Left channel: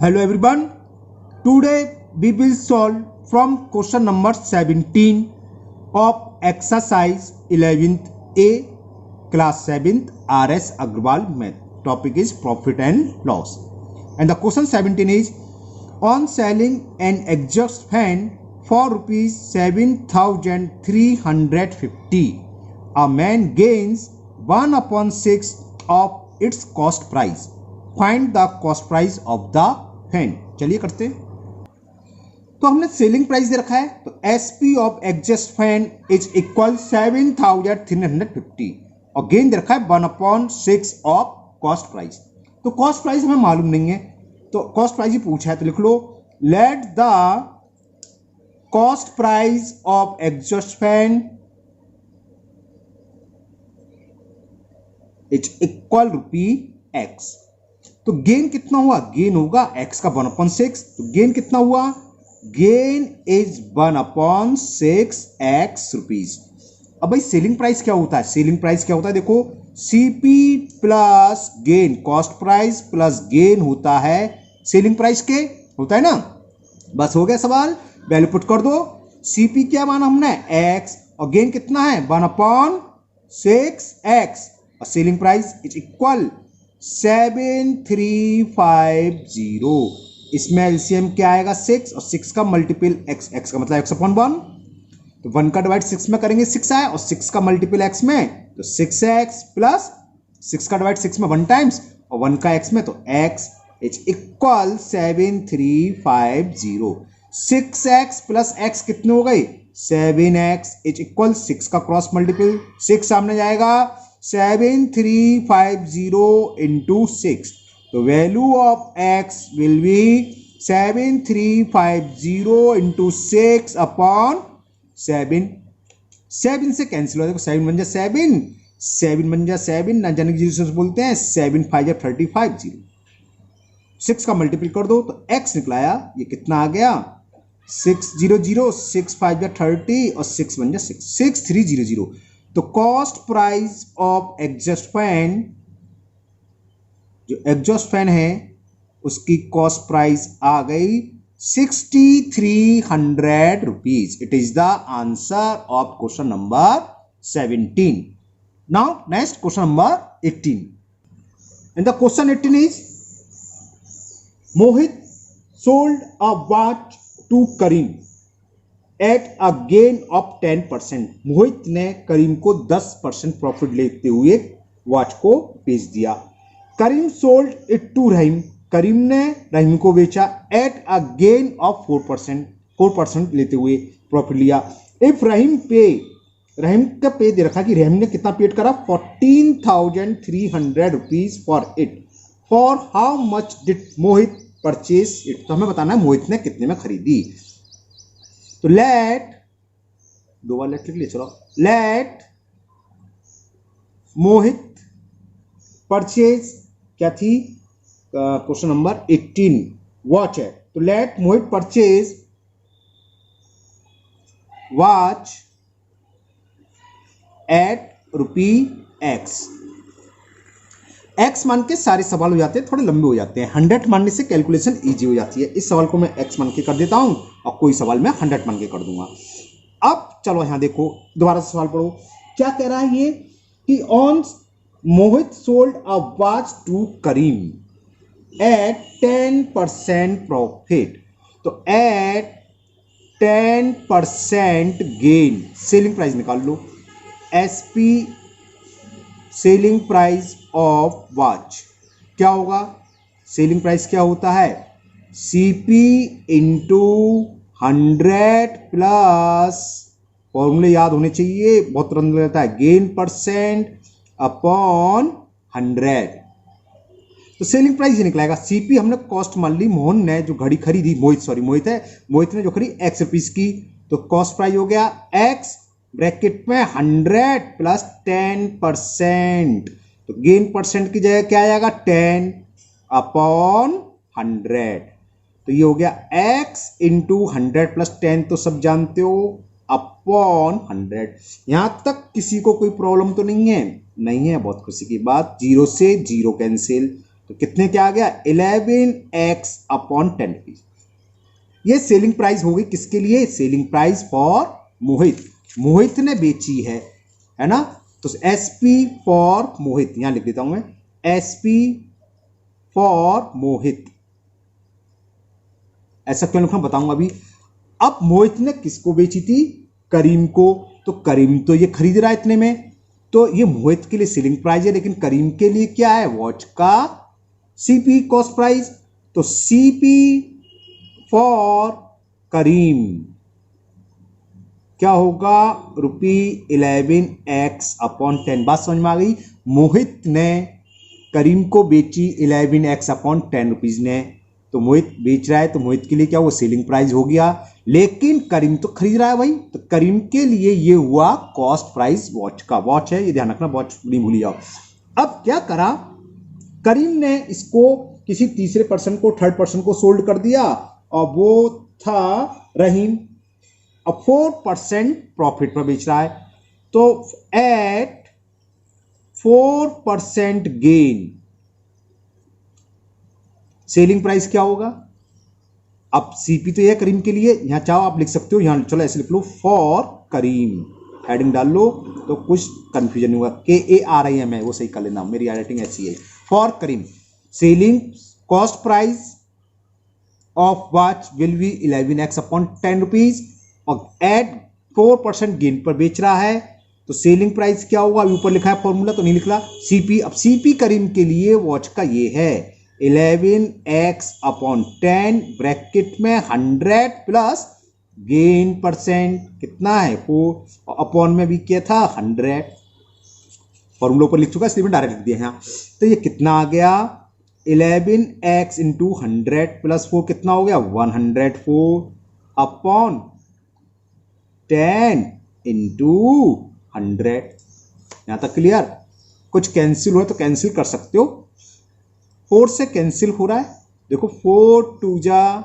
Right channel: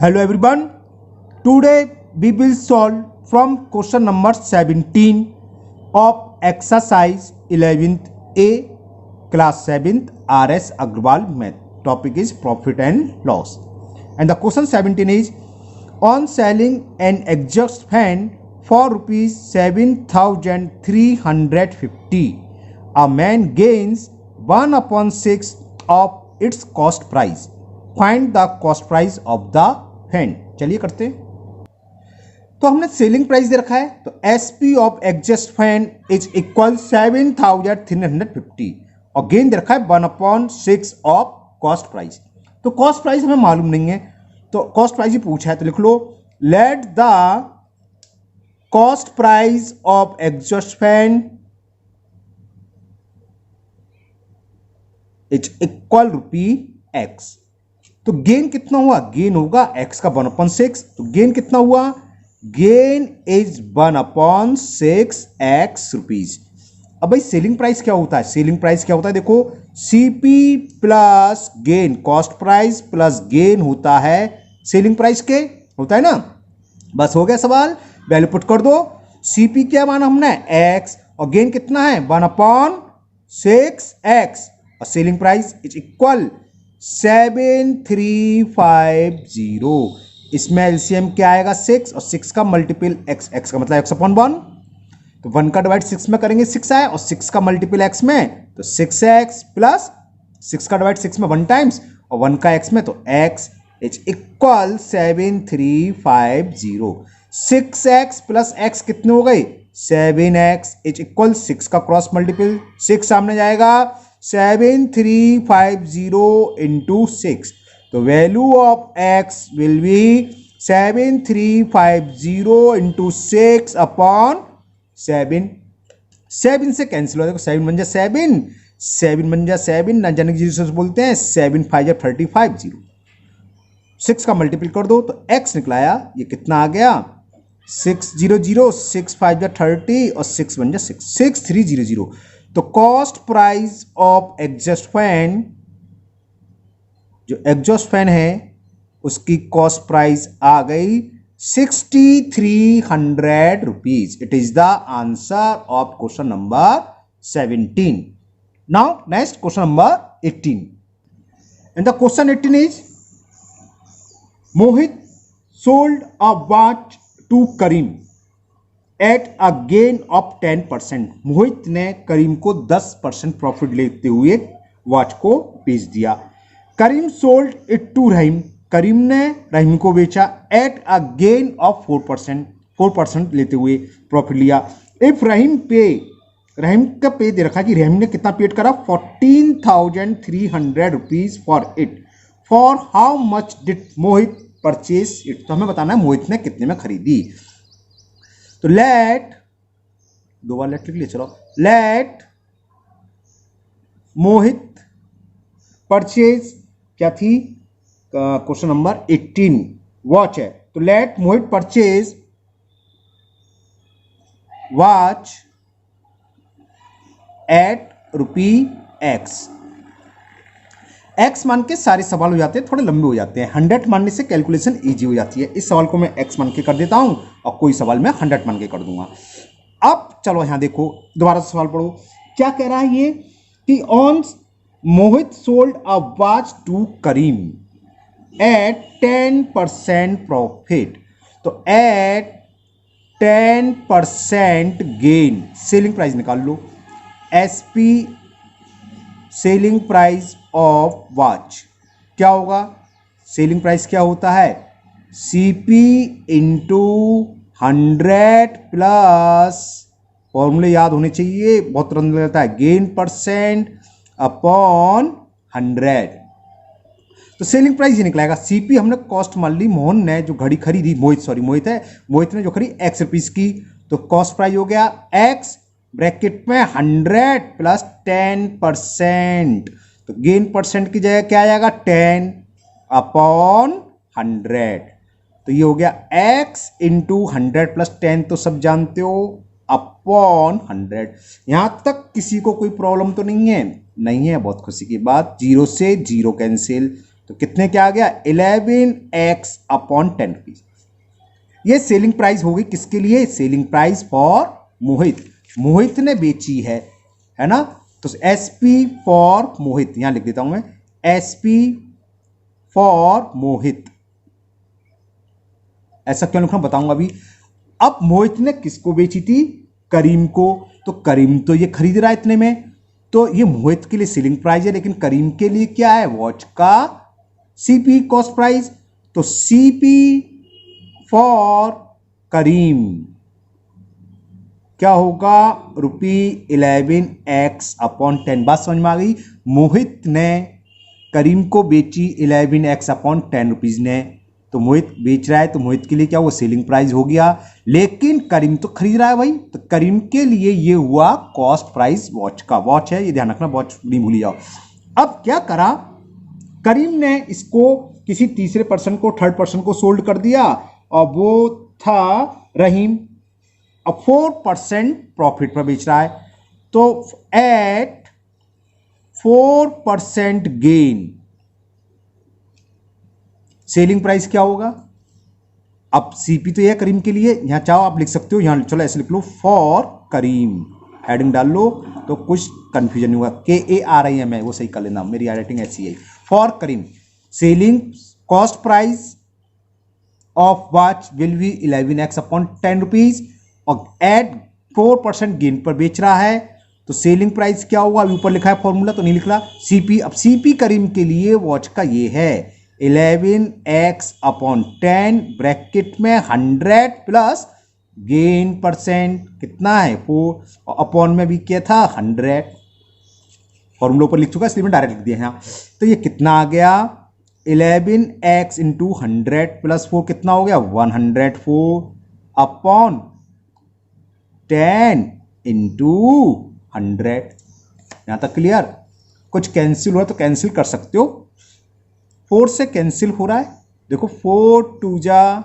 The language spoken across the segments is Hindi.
Hello everyone. Today we will solve from question number 17 of exercise 11th A class 7th RS Agrawal math. Topic is profit and loss. And the question 17 is on selling an exhaust fan for rupees 7,350 a man gains 1/6 of its cost price. Find the cost price of the fan. चलिए करते हैं। तो हमने सेलिंग प्राइस दे रखा है, तो SP of exhaust fan is equal 7,350 और गेन दे रखा है 1/6 ऑफ कॉस्ट प्राइस। तो कॉस्ट प्राइस हमें मालूम नहीं है, तो कॉस्ट प्राइस ही पूछा है, तो लिख लो let the cost price of exhaust fan is equal rupee x. तो गेन कितना हुआ? गेन होगा x का 1/6। तो गेन कितना हुआ? Gain is 1/6 x rupees. अब भाई सेलिंग प्राइस क्या होता है? सेलिंग प्राइस क्या होता है? देखो CP plus gain, cost price plus gain होता है सेलिंग प्राइस के, होता है ना। बस हो गया सवाल, वैल्यू पुट कर दो। सीपी क्या माना हमने? x और गेन कितना है? 1/6 x और सेलिंग प्राइस इज इक्वल 7,350। इसमें एलसीएम क्या आएगा? 6 और 6 का मल्टीपल x, x का मतलब x/1। तो 1 का डिवाइड 6 में करेंगे 6 आए और 6 का मल्टीपल x में तो 6x प्लस 6 का डिवाइड 6 में 1 टाइम्स और 1 का x में तो x is equal 7,350। 6x plus x कितने हो गए? 7x इज इक्वल 6 का क्रॉस मल्टीपल 6 सामने जाएगा 7,350 into 6. The value of x will be 7,350 into 6 upon 7. 7 से कैंसिल हो जाएगा, 7 बन जा 7, 7 बन जा 7, ना जाने की से बोलते हैं 7 5 जा 35, 6 का मल्टीपल कर दो तो x निकलाया, ये कितना आ गया 600, 6 5 जा 30 और 6 बन जा 6, 6300। तो cost price of exhaust fan, जो एग्जॉस्ट फैन है उसकी कॉस्ट प्राइस आ गई 6,300 rupees. It is the answer of question number 17। Now next question number 18। And the question 18 is Mohit sold a watch to Karim at a gain of 10%। Mohit ने करीम को 10% प्रॉफिट लेते हुए वॉच को बेच दिया। करीम सोल्ड इट टू रहीम, करीम ने रहीम को बेचा एट अ गेन ऑफ 4% लेते हुए प्रॉफिट लिया। इफ रहीम पे, रहीम का पे दे रखा कि रहीम ने कितना पेड करा 14,300 rupees for it. For how much did Mohit purchase it, तो हमें बताना है मोहित ने कितने में खरीदी। तो लेट, दो बार लेट लिख लिया, चलो लेट मोहित परचेज क्या थी? क्वेश्चन नंबर 18 वॉच है, तो late Mohit purchase watch eight रुपी एक्स। एक्स मान के सारे सवाल हो जाते हैं, थोड़े लंबे हो जाते हैं। 100 मानने से कैलकुलेशन इजी हो जाती है। इस सवाल को मैं एक्स मान के कर देता हूं और कोई सवाल मैं 100 मान के कर दूंगा। अब चलो यहां देखो, दोबारा सवाल पढ़ो। क्या कह रहा है ये कि on Mohit sold a watch to Karim at 10% profit. तो एट 10% गेन, सेलिंग प्राइस निकाल लो। SP selling price of watch क्या होगा? सेलिंग प्राइस क्या होता है? सीपी इंटू 100 प्लस, फॉर्मूले याद होने चाहिए, बहुत तुरंत रहता है, गेन परसेंट अपॉन 100। तो सेलिंग प्राइस ये निकलेगा। सीपी हमने कॉस्ट मान ली, मोहन ने जो घड़ी खरीदी, मोहित है, मोहित ने जो खरीदी x रुपीज की, तो कॉस्ट प्राइस हो गया x ब्रैकेट में 100 प्लस 10%। तो गेन परसेंट की जगह क्या आएगा? 10 अपॉन 100। तो ये हो गया x इंटू 100 प्लस 10, तो सब जानते हो, अपॉन 100। यहां तक किसी को कोई प्रॉब्लम तो नहीं है? नहीं है, बहुत खुशी की बात। 0 से 0 कैंसिल, तो कितने क्या आ गया 11x अपॉन 10 रुपीज। ये सेलिंग प्राइस होगी किसके लिए, सेलिंग प्राइस फॉर मोहित, मोहित ने बेची है ना। तो SP फॉर मोहित यहां लिख देता हूं मैं, SP फॉर मोहित। ऐसा क्यों लिखा बताऊंगा अभी। अब मोहित ने किसको बेची थी, करीम को, तो करीम तो ये खरीद रहा है इतने में, तो ये मोहित के लिए सेलिंग प्राइस है, लेकिन करीम के लिए क्या है, वॉच का CP कॉस्ट प्राइस। तो CP फॉर करीम क्या होगा, ₹11x अपॉन 10। बात समझ में आ गई। मोहित ने करीम को बेची 11x अपॉन 10 रुपीज ने, तो मोहित बेच रहा है तो मोहित के लिए क्या हुआ, सेलिंग प्राइस हो गया, लेकिन करीम तो खरीद रहा है भाई, तो करीम के लिए ये हुआ कॉस्ट प्राइस वॉच का। वॉच है ये ध्यान रखना, वॉच नहीं भूली जाओ। अब क्या करा, करीम ने इसको किसी तीसरे पर्सन को, थर्ड पर्सन को सोल्ड कर दिया, और वो था रहीम। अब 4% प्रॉफिट पर बेच रहा है, तो एट 4% गेन सेलिंग प्राइस क्या होगा। अब CP तो यह करीम के लिए, यहां चाहो आप लिख सकते हो, यहां चलो ऐसे लिख लो फॉर करीम, हेडिंग डाल लो तो कुछ कंफ्यूजन नहीं होगा। KARIM है वो सही कर लेना, मेरी राइटिंग ऐसी है। For Karim selling cost price of watch will be 11x upon 10 rupees, और एट 4% गेन पर बेच रहा है, तो सेलिंग प्राइस क्या होगा, अभी ऊपर लिखा है फॉर्मूला तो नहीं लिख रहा, CP। अब CP करीम के लिए वॉच का ये है 11x अपॉन 10 ब्रैकेट में 100 प्लस गेन परसेंट कितना है 4, अपॉन में भी क्या था 100, फॉर्मूला ऊपर लिख चुका इसलिए मैं डायरेक्ट लिख दिया यहाँ। तो ये कितना आ गया 11x इंटू 100 प्लस 4 कितना हो गया 104 अपॉन 10 इंटू 100। यहां तक क्लियर। कुछ कैंसिल हुआ तो कैंसिल कर सकते हो, 4 से कैंसिल हो रहा है, देखो 4 2 जा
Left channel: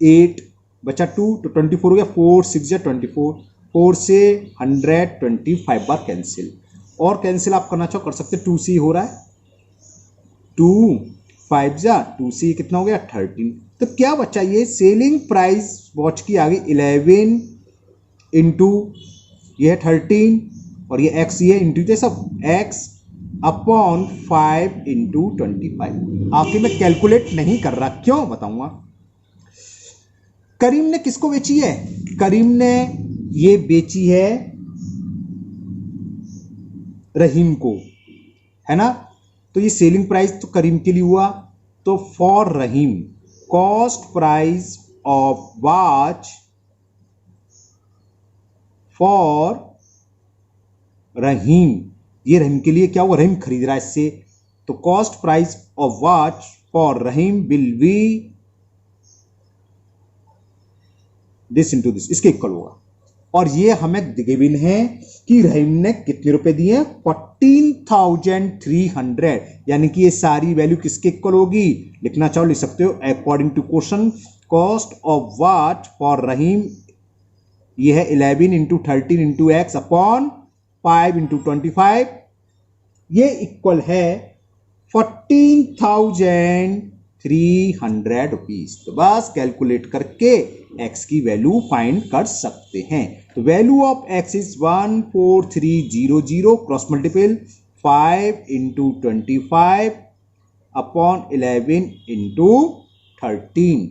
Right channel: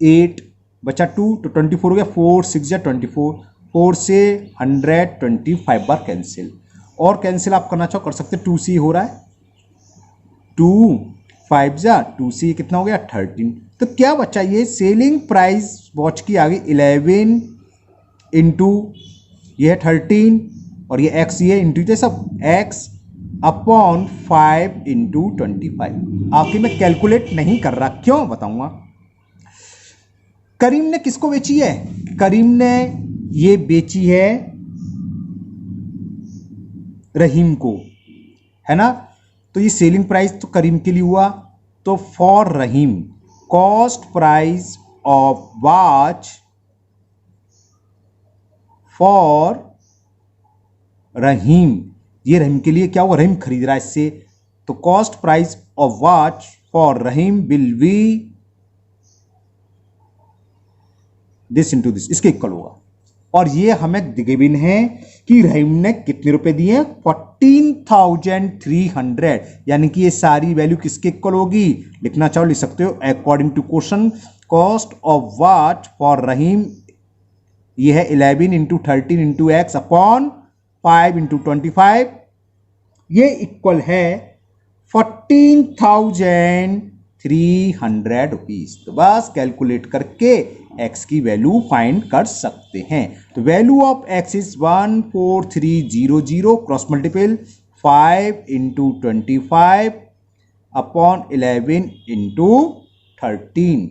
8 बचा 2 तो 24 हो गया, 4 6 जा 24, 4 से 125 बार कैंसिल। और कैंसिल आप करना चाहो कर सकते, 2 से हो रहा है, 2 5 जा 2 से कितना हो गया 13। तो क्या बचा, ये सेलिंग प्राइस वॉच की आ गई 11 इंटू ये है 13, और ये x ये इंटू ये सब x अपॉन 5 इंटू 25। आखिर में कैलकुलेट नहीं कर रहा, क्यों बताऊंगा। करीम ने किसको बेची है, करीम ने ये बेची है रहीम को, है ना। तो ये सेलिंग प्राइस तो करीम के लिए हुआ, तो for Rahim cost price of watch for Rahim, ये रहीम के लिए क्या हुआ, रहीम खरीद रहा है इससे, तो cost price of watch for Rahim will be this into this, इसके इक्वल होगा। और ये हमें गिवन है कि रहीम ने कितने रुपए दिए 14,300, यानी कि ये सारी वैल्यू किसके इक्वल होगी, लिखना चाहो लिख सकते हो according to question. Cost of watch for Rahim ये है 11 into 13 into x upon 5 into 25, ये इक्वल है 14,300 रुपीज। तो बस कैलकुलेट करके x की वैल्यू फाइंड कर सकते हैं। तो value of x is 14300 cross multiple 5 into 25 upon 11 into 13।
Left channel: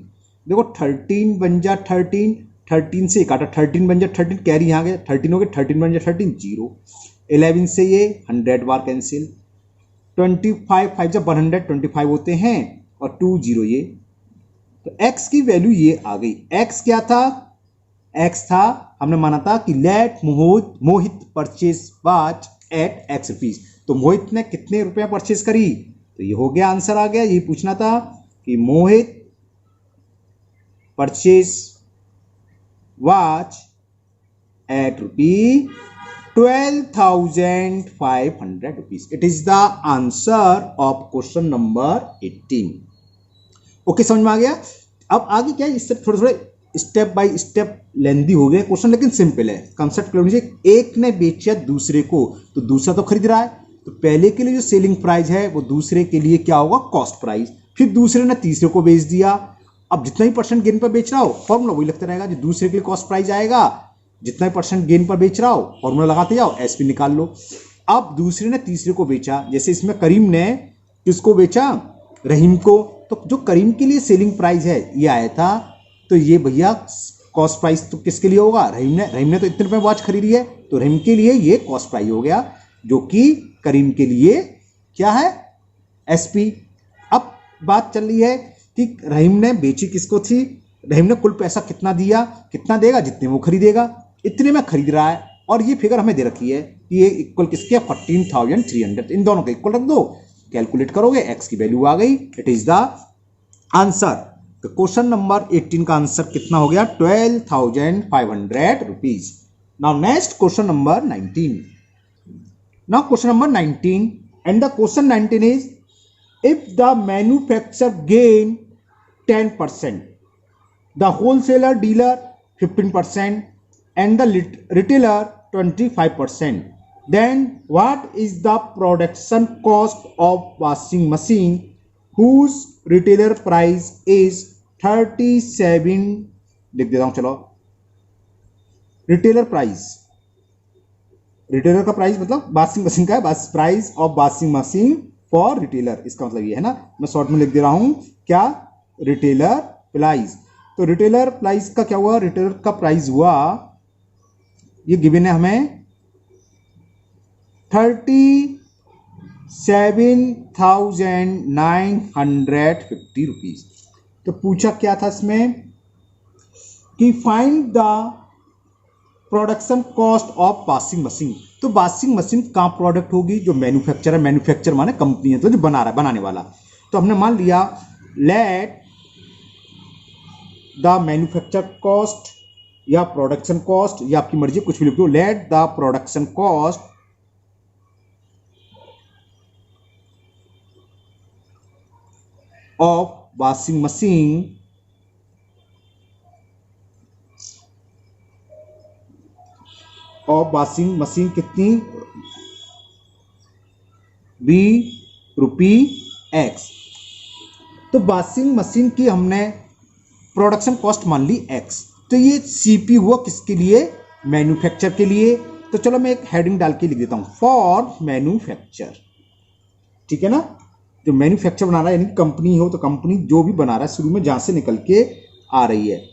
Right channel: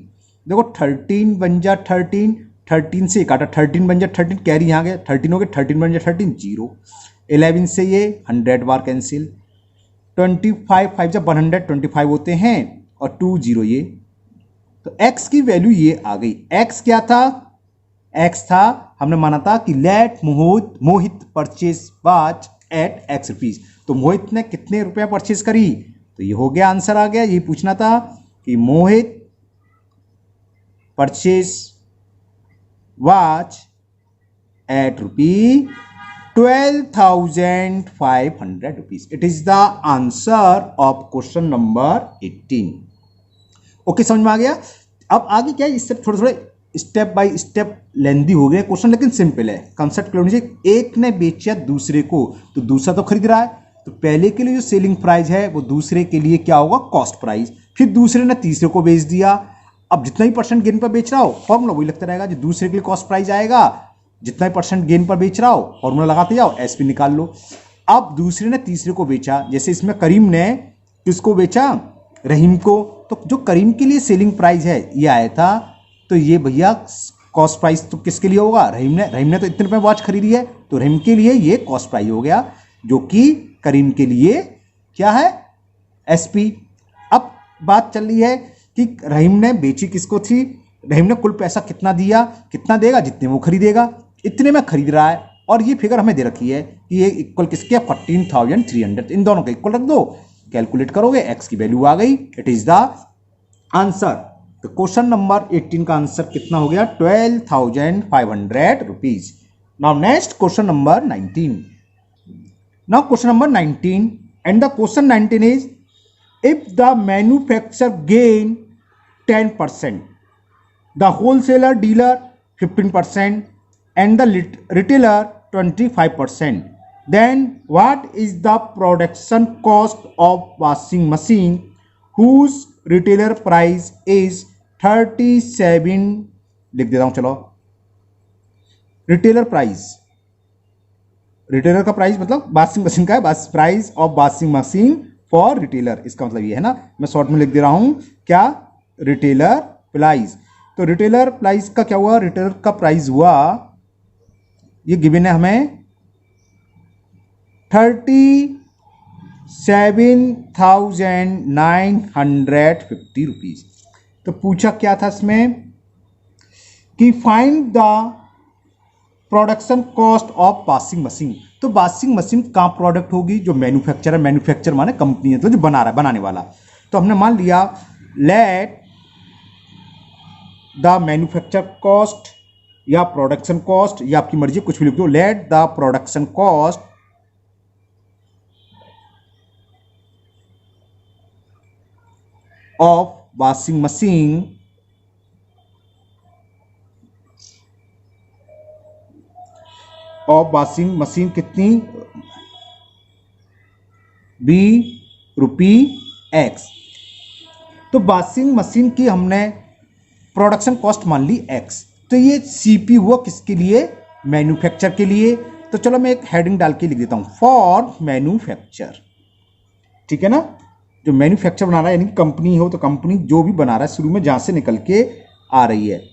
देखो 13 बन जा 13, 13 से काटा 13 बन जा 13, कैरी यहाँ गया 13 हो गया, 13 बन जा 13 0, 11 से ये 100 बार कैंसिल, 25 5 जब 125 होते हैं और 2 0 ये, तो x की वैल्यू ये आ गई। x क्या था, x था हमने माना था कि let Mohit purchase watch at x rupees, तो मोहित ने कितने रुपया परचेज करी, तो ये हो गया आंसर आ गया। ये पूछना था कि Mohit purchase watch at ₹12,500 rupees. It is the answer of question number 18। Okay समझ में आ गया। अब आगे क्या है, इससे थोड़े थोड़े स्टेप बाय स्टेप लेंदी हो गया क्वेश्चन, लेकिन सिंपल है, कंसेप्ट क्लियर होना चाहिए। एक ने बेचा दूसरे को, तो दूसरा तो खरीद रहा है, तो पहले के लिए जो सेलिंग प्राइस है वो दूसरे के लिए क्या होगा, कॉस्ट प्राइस। फिर दूसरे ने तीसरे को बेच दिया, अब जितना ही परसेंट गेन पर बेच रहा हो फॉर्मूला वही लगता रहेगा, जो दूसरे के लिए कॉस्ट प्राइस आएगा, जितना ही परसेंट गेन पर बेच रहा हो फॉर्मूला लगाते जाओ, एसपी निकाल लो। अब दूसरे ने तीसरे को बेचा, जैसे इसमें करीम ने किसको बेचा, रहीम को, तो जो करीम के लिए सेलिंग प्राइस है ये आया था, तो ये भैया कॉस्ट प्राइस तो किसके लिए होगा, रहीम ने तो इतने रुपए वॉच खरीदी है, तो रहीम के लिए ये कॉस्ट प्राइस हो गया, जो कि करीम के लिए क्या है, एसपी। अब बात चल रही है कि रहीम ने बेची किसको थी, रहीम ने कुल पैसा कितना दिया, कितना देगा, जितने वो खरीदेगा इतने में खरीद रहा है, और ये फिगर हमें दे रखी है कि ये इक्वल किसके, 14,300, इन दोनों को इक्वल रख दो, कैलकुलेट करोगे एक्स की वैल्यू आ गई, इट इज द आंसर। तो क्वेश्चन नंबर 18 का आंसर कितना हो गया, 12,500 rupees. Now next question number 19। Now question number 19 and the question 19 is if the manufacturer gain 10%, the wholesaler dealer 15% and the retailer 25%, then what is the production cost of washing machine whose retailer price is 37, लिख देता हूं चलो, रिटेलर का प्राइस मतलब वॉशिंग मशीन का है, price of washing machine for retailer, इसका मतलब ये है ना, मैं शॉर्ट में लिख दे रहा हूं क्या, रिटेलर प्राइस। तो रिटेलर प्राइस का क्या हुआ, रिटेलर का प्राइस हुआ, ये गिवन है हमें 37,950 रुपीज। तो पूछा क्या था इसमें कि find the production cost of washing machine. तो वॉशिंग मशीन कहाँ प्रोडक्ट होगी, जो मैन्युफैक्चर है, मैन्युफैक्चर माने कंपनी है, तो जो बना रहा है, बनाने वाला। तो हमने मान लिया लेट द मैन्युफैक्चर कॉस्ट या प्रोडक्शन कॉस्ट, या आपकी मर्जी कुछ भी लिख दो, let the production cost of washing machine कितनी, बी रुपी एक्स। तो वॉशिंग मशीन की हमने प्रोडक्शन कॉस्ट मान ली एक्स, तो ये सीपी हुआ किसके लिए, मैन्युफैक्चर के लिए। तो चलो मैं एक हेडिंग डाल के लिख देता हूं, फॉर मैन्युफैक्चर, ठीक है ना, जो मैन्युफैक्चर बना रहा है, यानी कंपनी हो तो कंपनी जो भी बना रहा है शुरू में जहां से निकल के आ रही है,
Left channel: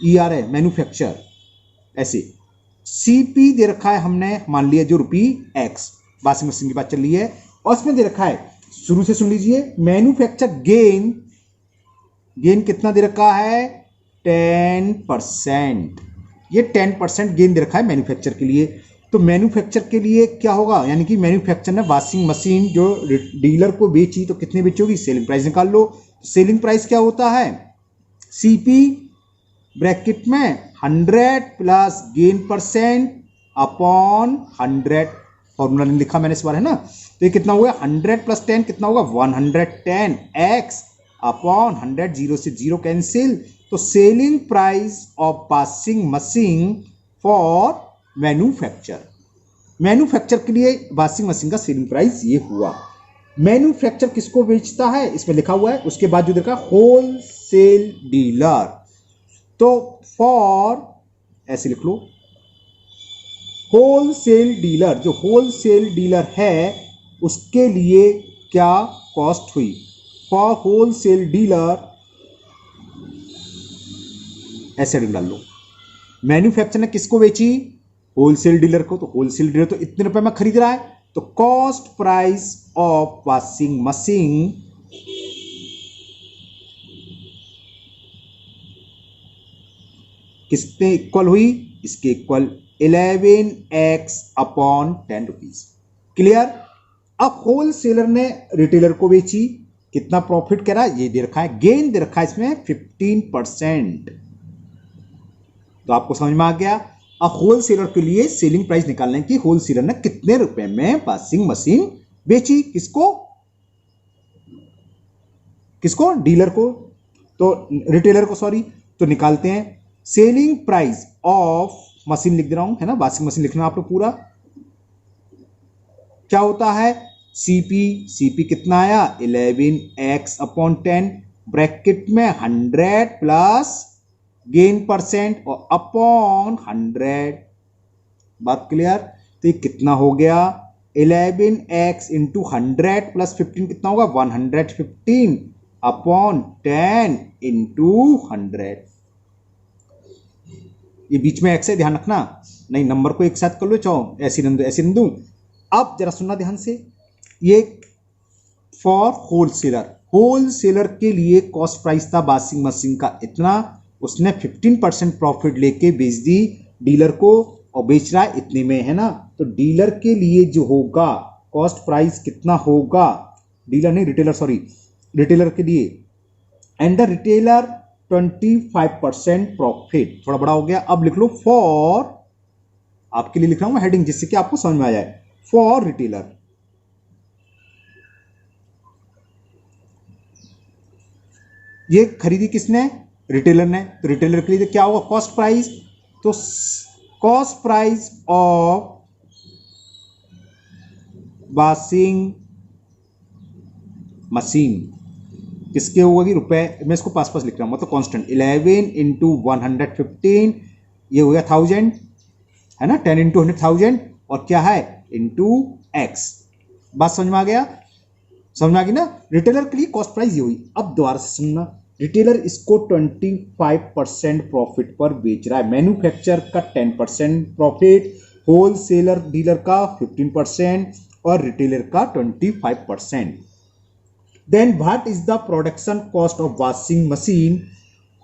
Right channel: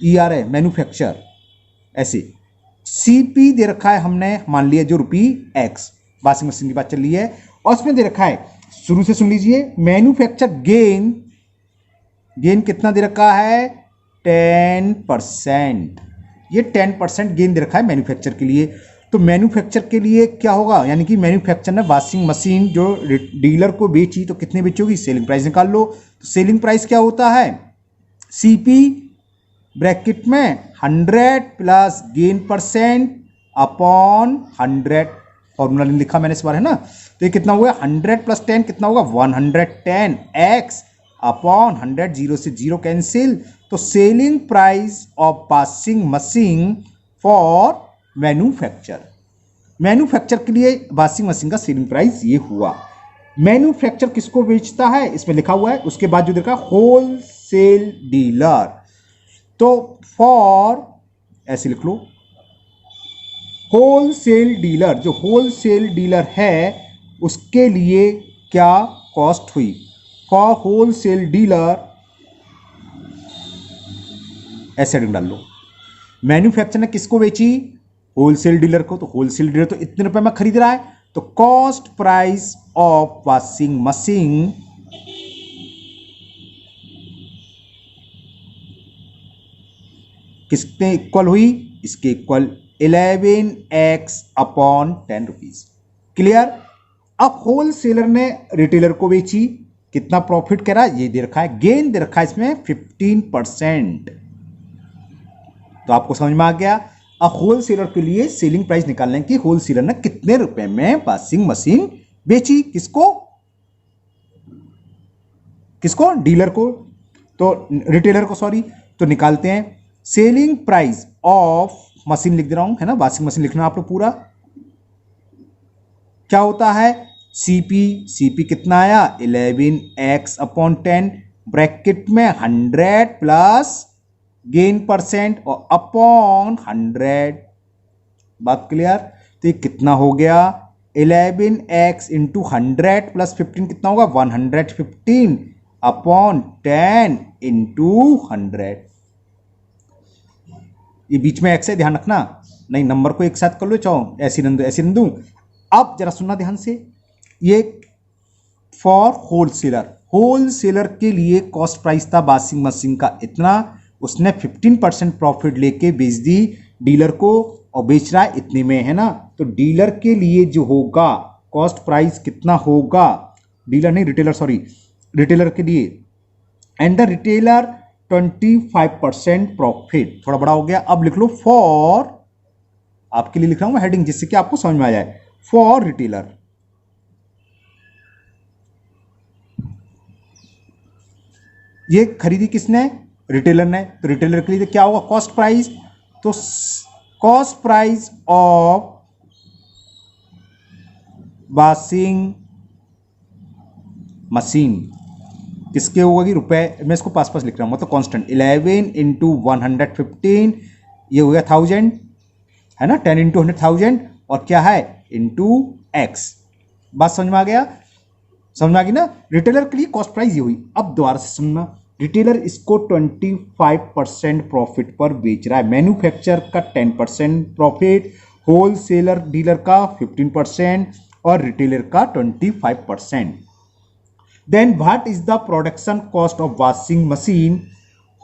ई आर है मैन्युफैक्चर, ऐसे सीपी दे रखा है हमने, मान लिया जो रुपी एक्स, वॉशिंग मशीन की बात चल रही है, और उसमें दे रखा है, शुरू से सुन लीजिए, मैन्युफैक्चर गेन कितना दे रखा है, 10%। ये 10% गेन दे रखा है मैन्युफैक्चर के लिए। तो मैन्युफैक्चर के लिए क्या होगा, यानी कि मैन्युफैक्चर ने वॉशिंग मशीन जो डीलर को बेची, तो कितने बेची होगी, सेलिंग प्राइस निकाल लो। तो सेलिंग प्राइस क्या होता है, सीपी ब्रैकेट में 100 plus gain percent upon 100, formula लिखा मैंने इस बार, है ना। तो ये कितना हुआ, 100 प्लस 10 कितना होगा, 110 एक्स अपॉन 100, जीरो से जीरो कैंसिल। तो selling price of washing machine for manufacture के लिए वॉशिंग मशीन का सेलिंग प्राइस ये हुआ। मैन्युफैक्चर किसको बेचता है, इसमें लिखा हुआ है, उसके बाद जो देखा होलसेल डीलर, तो फॉर ऐसे लिख लो, होलसेल डीलर, जो होलसेल डीलर है उसके लिए क्या कॉस्ट हुई, फॉर होलसेल डीलर, ऐसे डाल लो। मैन्युफैक्चर ने किसको बेची, होलसेल डीलर को, तो होलसेल डीलर तो इतने रुपए में खरीद रहा है, तो cost price of washing machine किसके इक्वल हुई, इसके equal 11x upon 10 rupees. Clear. अब होलसेलर ने रिटेलर को बेची, कितना प्रॉफिट करा ये दे रखा है, गेन दे रखा है इसमें 15%। तो आपको समझ में आ गया। अब होलसेलर के लिए सेलिंग प्राइस निकालने की, होलसेलर ने कितने रुपए में वॉशिंग मशीन बेची, किसको डीलर को, तो रिटेलर को, सॉरी। तो निकालते हैं सेलिंग प्राइस ऑफ मशीन, लिख दे रहा हूं, है ना, वॉशिंग मशीन लिखना आप लोग पूरा। क्या होता है, सीपी कितना आया 11x अपॉन 10 ब्रैकेट में 100 प्लस गेन परसेंट और अपॉन 100। बात क्लियर? तो ये कितना हो गया 11x इंटू 100 प्लस 15 कितना होगा 115 अपॉन 10 इंटू 100। ये बीच में x है, ध्यान रखना, नहीं नंबर को एक साथ कर लो, चाहो ऐसी रन दूं। अब जरा सुनना ध्यान से, ये फॉर होलसेलर के लिए कॉस्ट प्राइस था वॉशिंग मशीन का इतना, उसने 15% प्रॉफिट लेके बेच दी डीलर को और बेच रहा है इतने में, है ना। तो डीलर के लिए जो होगा कॉस्ट प्राइस कितना होगा, डीलर नहीं रिटेलर, सॉरी रिटेलर के लिए, एंड द रिटेलर 25% प्रॉफिट, थोड़ा बड़ा हो गया। अब लिख लो फॉर, आपके लिए लिख रहा हूं हेडिंग जिससे कि आपको समझ में आ जाए, फॉर रिटेलर। ये खरीदी किसने, रिटेलर ने, तो रिटेलर के लिए क्या होगा कॉस्ट प्राइस, तो cost price of washing machine किसके होगी, रुपए, मैं इसको पास लिख रहा हूं मतलब कांस्टेंट, 11 इंटू 115 ये हो गया 1000, है ना, 10 इंटू 100,000 और क्या है इंटू एक्स। बात समझ में आ गया, समझ में आ गई ना। रिटेलर के लिए कॉस्ट प्राइस ये हुई। अब दोबारा से सुनना, रिटेलर इसको 25% प्रॉफिट पर बेच रहा है, मैन्युफैक्चर का 10% प्रॉफिट, होलसेलर डीलर का 15% और रिटेलर का 25%। Then what is the production cost of washing machine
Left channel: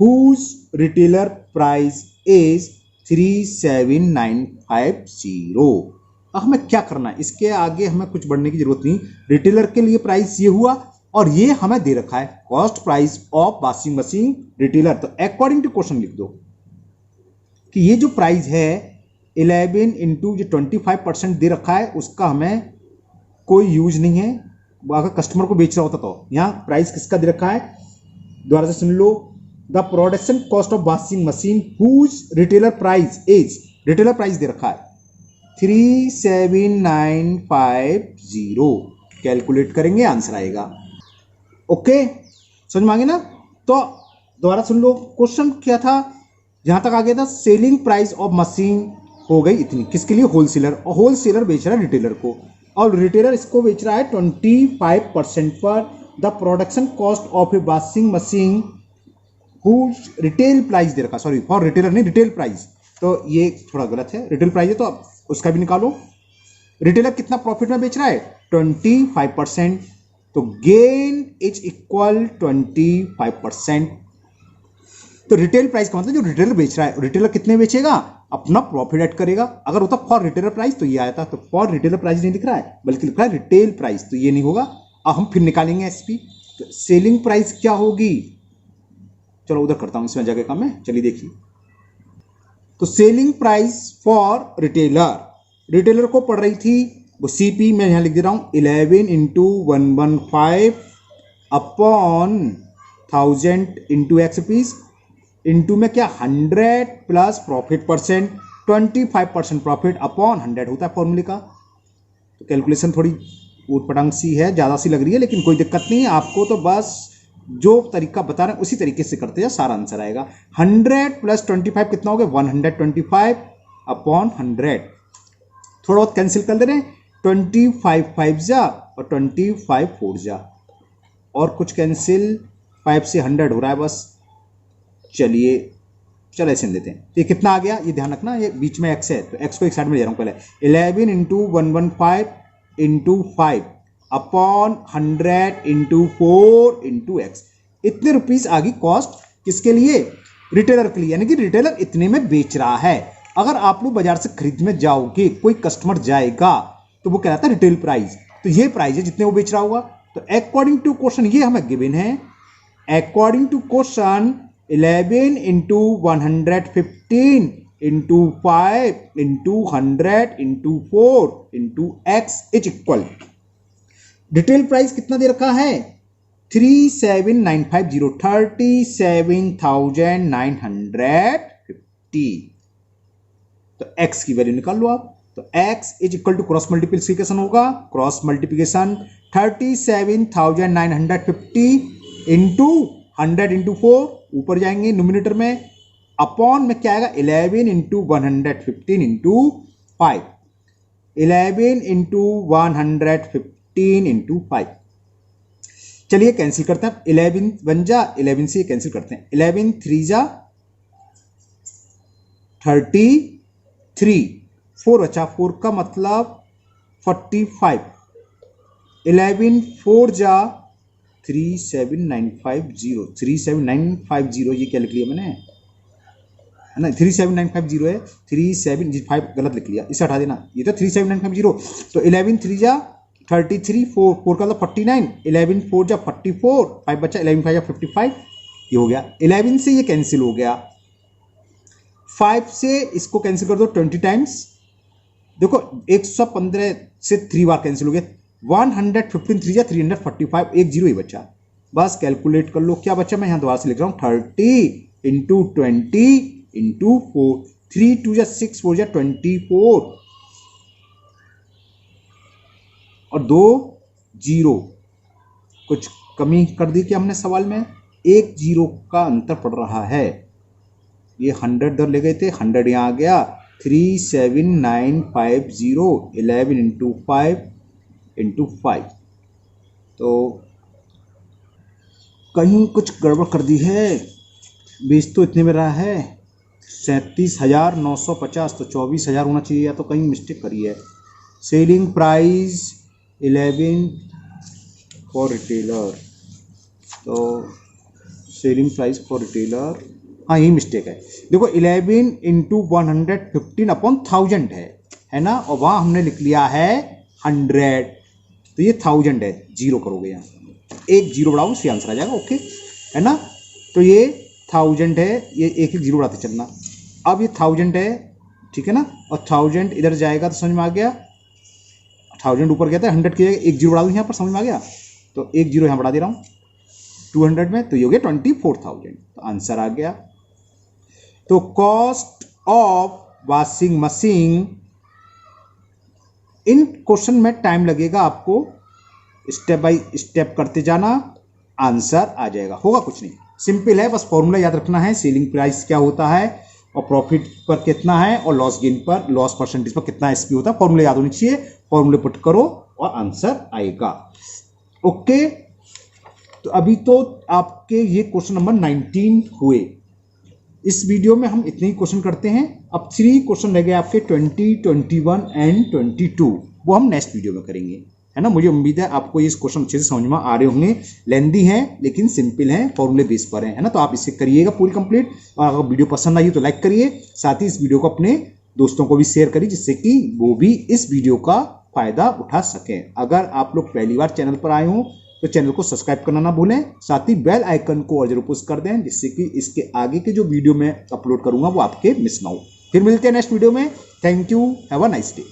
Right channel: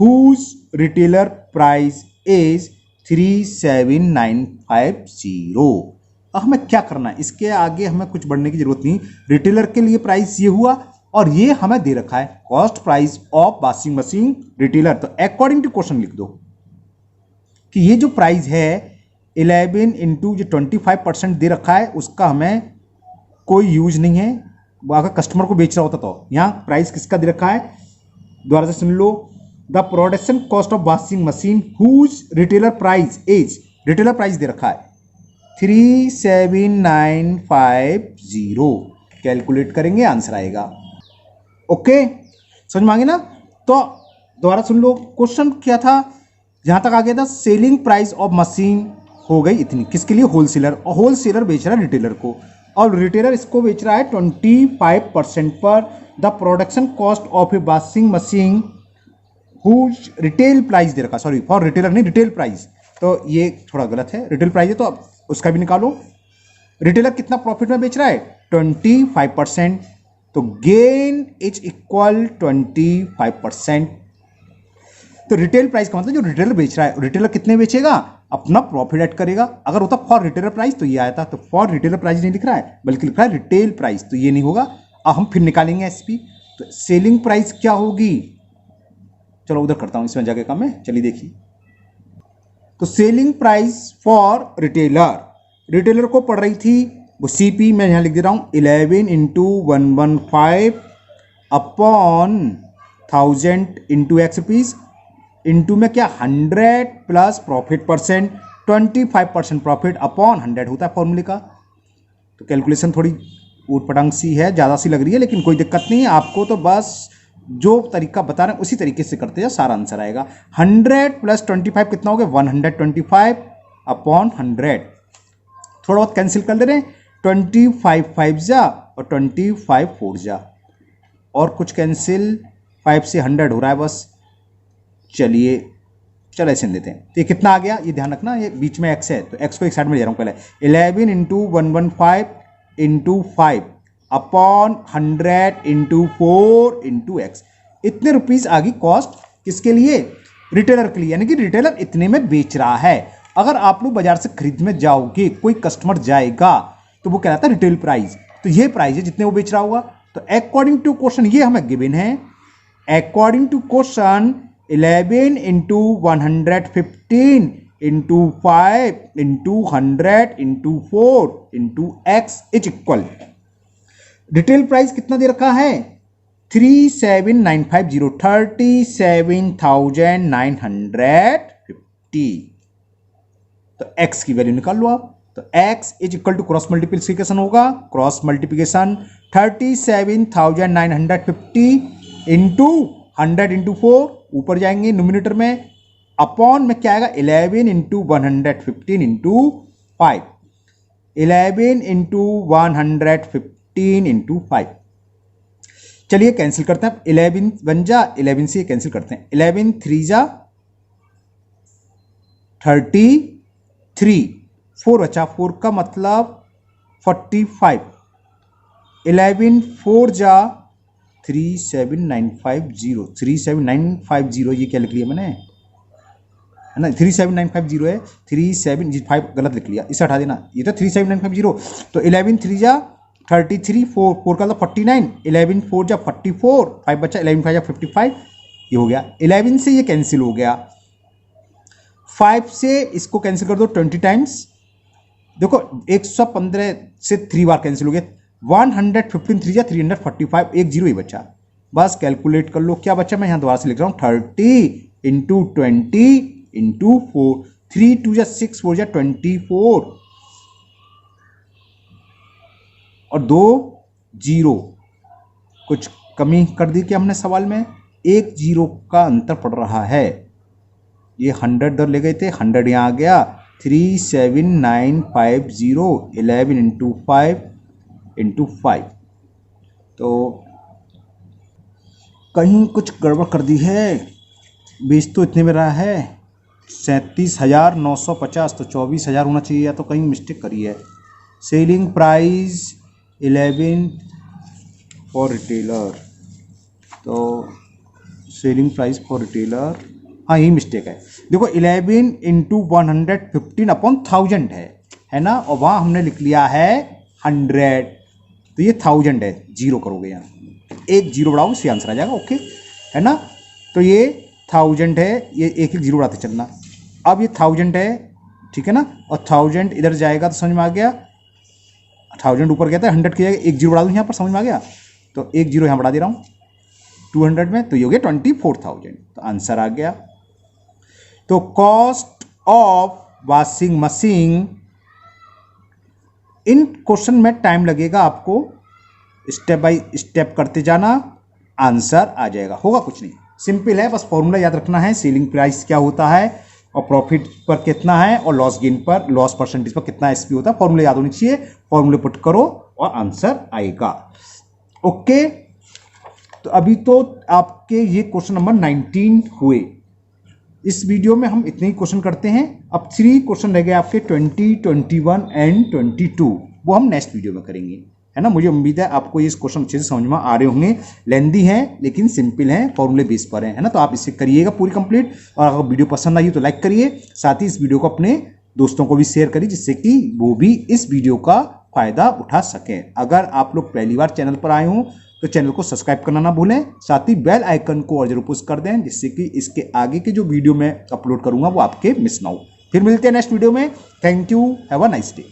whose retailer price is 37,950। अब हमें क्या करना है, इसके आगे हमें कुछ बढ़ने की जरूरत नहीं। रिटेलर के लिए प्राइस ये हुआ और ये हमें दे रखा है cost price of washing machine retailer, तो अकॉर्डिंग टू क्वेश्चन लिख दो कि ये जो प्राइस है 11 इंटू जो 25% दे रखा है उसका हमें कोई यूज नहीं है, अगर कस्टमर को बेच रहा होता तो। यहां प्राइस किसका दे रखा है, दोबारा से सुन लो, the production cost of washing machine whose retailer price is, retailer price दे रखा है 37,950, कैलकुलेट करेंगे आंसर आएगा। ओके समझ में आ गया ना। तो दोबारा सुन लो, क्वेश्चन क्या था, जहां तक आ गया था सेलिंग प्राइस ऑफ मशीन हो गई इतनी, किसके लिए, होलसेलर, और होलसेलर बेच रहा है रिटेलर को, और रिटेलर इसको बेच रहा है 25% पर। The production cost of a washing machine whose retail price दे रखा, सॉरी फॉर रिटेलर नहीं रिटेल प्राइस, तो ये थोड़ा गलत है, रिटेल प्राइस है तो अब उसका भी निकालो। रिटेलर कितना प्रॉफिट में बेच रहा है 25%, तो गेन इज इक्वल 25%। तो रिटेल प्राइस का मतलब जो रिटेलर बेच रहा है, रिटेलर कितने बेचेगा, अपना प्रॉफिट ऐड करेगा। अगर होता फॉर रिटेलर प्राइस तो ये आया था, तो फॉर रिटेलर प्राइस नहीं लिख रहा है बल्कि लिख रहा है रिटेल प्राइस, तो ये नहीं होगा। अब हम फिर निकालेंगे एसपी, तो सेलिंग प्राइस क्या होगी, चलो उधर करता हूं इसमें जगह कम है, चलिए देखिए। तो selling price for retailer, retailer को पड़ रही थी वो सीपी, मैं यहां लिख दे रहा हूं 11 into 115 upon 1000 into x piece, into में क्या 100 plus profit percent, 25% profit upon 100 होता है फॉर्मूले का। तो कैलकुलेशन थोड़ी ऊट पटांग सी है, ज़्यादा सी लग रही है, लेकिन कोई दिक्कत नहीं है, आपको तो बस जो तरीका बता रहे हैं उसी तरीके से करते जाओ, सारा आंसर आएगा। 100 प्लस 25 कितना हो गया 125 अपॉन 100, थोड़ा बहुत कैंसिल कर ले रहे हैं, 25 5 जा और 25 4 जा, और कुछ कैंसिल, 5 से 100 हो रहा है बस। चलिए चलो ऐसे देते हैं, तो ये कितना आ गया, ये ध्यान रखना, ये बीच में एक्स है तो एक्स को एक साइड में ले रहा हूँ पहले, 11 into 115 into 5 upon 100 into 4 into x, इतने रुपीस आ गई कॉस्ट किसके लिए, रिटेलर के लिए, यानी कि रिटेलर इतने में बेच रहा है। अगर आप लोग बाजार से खरीदने जाओगे, कोई कस्टमर जाएगा तो वो कहता है रिटेल प्राइस, तो ये प्राइस है जितने वो बेच रहा होगा। तो अकॉर्डिंग टू क्वेश्चन ये हमें गिवन है, according to question 11 into 115 into 5 into 100 into 4 into x is equal, retail price कितना दे रखा है 37,950, 37,950। तो x की वैल्यू निकाल लो आप, तो x is equal to cross multiplication होगा, क्रॉस मल्टीप्लिकेशन 37,950 इंटू 100 इंटू 4 ऊपर जाएंगे न्यूमिनेटर में, अपॉन में क्या आएगा 11 इंटू 115 इंटू 5, 11 इंटू 115 इंटू 5। चलिए कैंसिल करते हैं, 11 बन जा 11 से कैंसिल करते हैं, 11 3 जा 33, 4 बचा, 4 का मतलब 45, 11 4 जा 37950, 37950 ये क्या लिख लिया मैंने, है ना 37950 है, 375 गलत लिख लिया, इसे हटा देना, ये तो 37950। तो 11 3 जा 33, 4 का मतलब 49, 11 4 जा 44, 5 बचा, 11 5 जा 55, ये हो गया। 11 से ये कैंसिल हो गया, 5 से इसको कैंसिल कर दो 20 टाइम्स, देखो 115 से 3 बार कैंसिल हो गया, 115 3 जा 345, एक जीरो ही बचा, बस कैलकुलेट कर लो क्या बचा। मैं यहां दोबारा से लिख रहा हूं 30 इंटू 20 इंटू 4, 3 2 जा 6, 4 जा 24 और 2 जीरो, कुछ कमी कर दी क्या हमने सवाल में, एक जीरो का अंतर पड़ रहा है, ये 100 दर ले गए थे, 100 यहाँ आ गया, 37950, 11 इंटू 5 इंटू 5, तो कहीं कुछ गड़बड़ कर दी है, बीस तो इतने में रहा है 37,950, तो 24,000 होना चाहिए, या तो कहीं मिस्टेक करी है। सेलिंग प्राइस 11 फॉर रिटेलर, तो सेलिंग प्राइस फॉर रिटेलर, हाँ यही मिस्टेक है, देखो 11 इंटू 115 अपॉन 1000 है ना, और वहाँ हमने लिख लिया है 100, तो ये 1000 है, जीरो करोगे यहाँ, एक जीरो बढ़ाओगे इससे आंसर आ जाएगा, ओके है ना। तो ये 1000 है, ये एक एक जीरो बढ़ाते चलना, अब ये 1000 है, ठीक है ना, और 1000 इधर जाएगा तो समझ में आ गया, 1000 ऊपर गया था, 100 की जगह एक जीरो बढ़ा दूँ यहाँ पर, समझ में आ गया, तो एक जीरो यहाँ बढ़ा दे रहा हूँ 200 में, तो ये हो गया 24,000, तो आंसर आ गया। तो cost of washing machine, in question में टाइम लगेगा आपको, स्टेप बाय स्टेप करते जाना, आंसर आ जाएगा, होगा कुछ नहीं, सिंपल है, बस फॉर्मूला याद रखना है, सेलिंग प्राइस क्या होता है और प्रॉफिट पर कितना है और लॉस गेन पर, लॉस परसेंटेज पर कितना एसपी होता है, फॉर्मूला याद होनी चाहिए, फॉर्मूले पुट करो और आंसर आएगा, ओके। तो अभी तो आपके ये क्वेश्चन नंबर 19 हुए, इस वीडियो में हम इतने ही क्वेश्चन करते हैं, अब 3 क्वेश्चन रह गए आपके 20, 21 एंड 22, वो हम नेक्स्ट वीडियो में करेंगे, है ना। मुझे उम्मीद है आपको ये क्वेश्चन अच्छे से समझ में आ रहे होंगे, लेंदी हैं लेकिन सिंपल हैं, फॉर्मूले बेस पर है ना, तो आप इसे करिएगा पूरी कंप्लीट, और अगर वीडियो पसंद आई तो लाइक करिए, साथ ही इस वीडियो को अपने दोस्तों को भी शेयर करिए, जिससे कि वो भी इस वीडियो का फायदा उठा सकें। अगर आप लोग पहली बार चैनल पर आए हों तो चैनल को सब्सक्राइब करना ना भूलें, साथ ही बेल आइकन को और जरूर पुश कर दें, जिससे कि इसके आगे के जो वीडियो मैं अपलोड करूंगा वो आपके मिस ना हो। फिर मिलते हैं नेक्स्ट वीडियो में, thank you, have a nice day.